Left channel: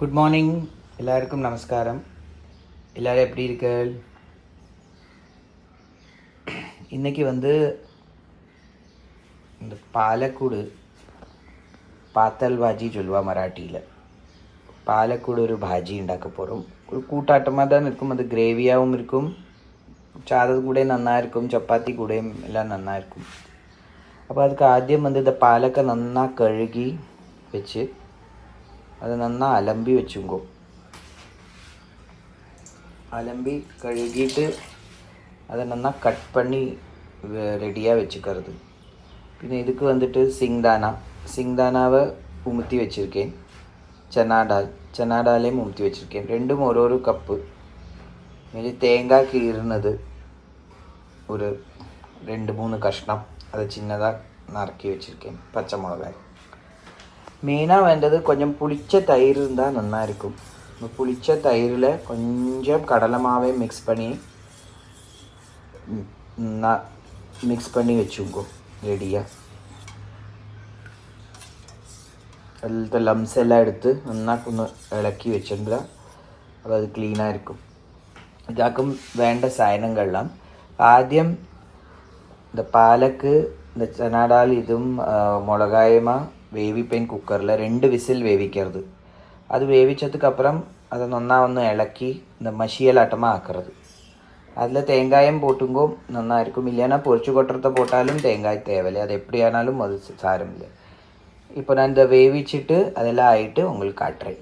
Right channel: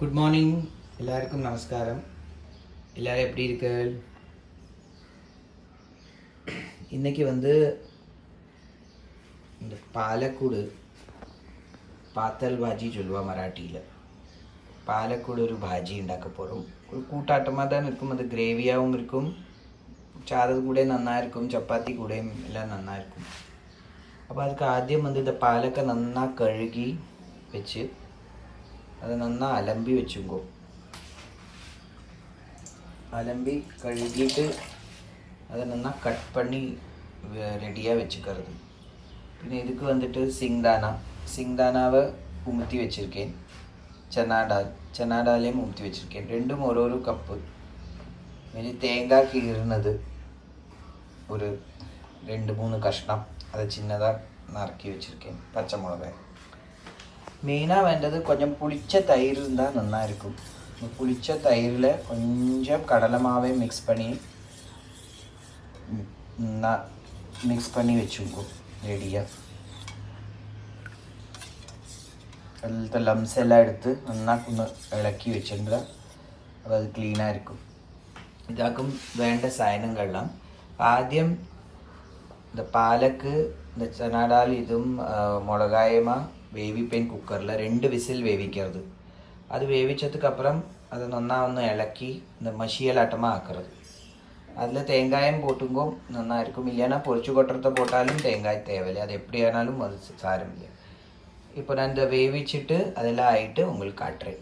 Good morning எல்லாருக்கும் நமஸ்காரம். எல்லோரும் எப்படி இருக்கீர்கள்? இன்றைக்கி இந்த பாலக்கூடு பாத்தல் பாஜி சொல்லுவா மராட்டியில். பாலக்கூடு ஒரு பாஜி ഉണ്ടാக்க போகிறோம். ஒரு கூட்டாட்டமாக தான் இருக்கும். அது கிரேவியாகவும் இருக்கும், சாதம் கூட நன்னா இருக்கும், சப்பாத்தி கூடயும் எல்லாம் நன்னா இருக்கும். അപ്പോൾ அதுக்கு ആദ്യം இந்த പാലൊക്കെ നന്നാ കഴുകി വെച്ച് அது நன்னா அலம்பி வச்சுங்கோ. அலம்பி கழுகிட்டு அதை நன்னா கட் பண்ணி ரெடியாக வச்சுக்கிறது. പിന്നെ இதுக்கு சிங்தானாவை உமுத்தி வச்சுருக்கேன். சனாடாலையும் உமுத்தி வச்சுருக்கேன். ரெண்டும் ஒரு கப்பு. இனி தேங்காய் கீறுனது ஒரு 2-3 கஷ்ணம், அதை சின்னதாக நறுக்கி வச்சுருக்கேன். பச்சை மிளகாய். மெயினாக வேண்டது கொஞ்சம் புளிச்ச தயிர் இருந்தால் நல்லா இருக்கும். இந்த புளிச்ச தயிரில் கொஞ்சம் கடலை மாவே மிக்ஸ் பண்ணி வச்சுக்கோ ரெடியாக. அதில் லம்ஸ் எல்லாம் எடுத்து நல்லா கொஞ்சம் இலக்கி வச்சுருந்தா அது க்ளீனாக இருக்கும். இதாக்கும் வேண்ட சாயனங்கள்லாம் ആദ്യം இந்த பாலக்கு இந்த சனாடால் இதுவும் மிளகாயமா വേവിപ്പൻ കുക്കറിൽ 2 விசில் வேவிக்கிறது. அது வேவிச்சதுக்கப்புறம் அதை நன்னா ஒன்று இலக்கி இந்த மஷியலாட்டமாக ஆக்கிறது. அதில் தேங்காயம் போட்டுங்கோ நன்னா இருக்கும். இல்லைன்னா பொரிச்சு கொட்டுறத போட்டாலும் தேங்காய் தேவையில்லை. அது எப்படி ஆனாலும் அது சாரமில்லை. இப்போ நான் இந்த வேவிச்சிட்டு அதெல்லாம் ஆகிட்டு உங்களுக்கு காட்டுறேன்.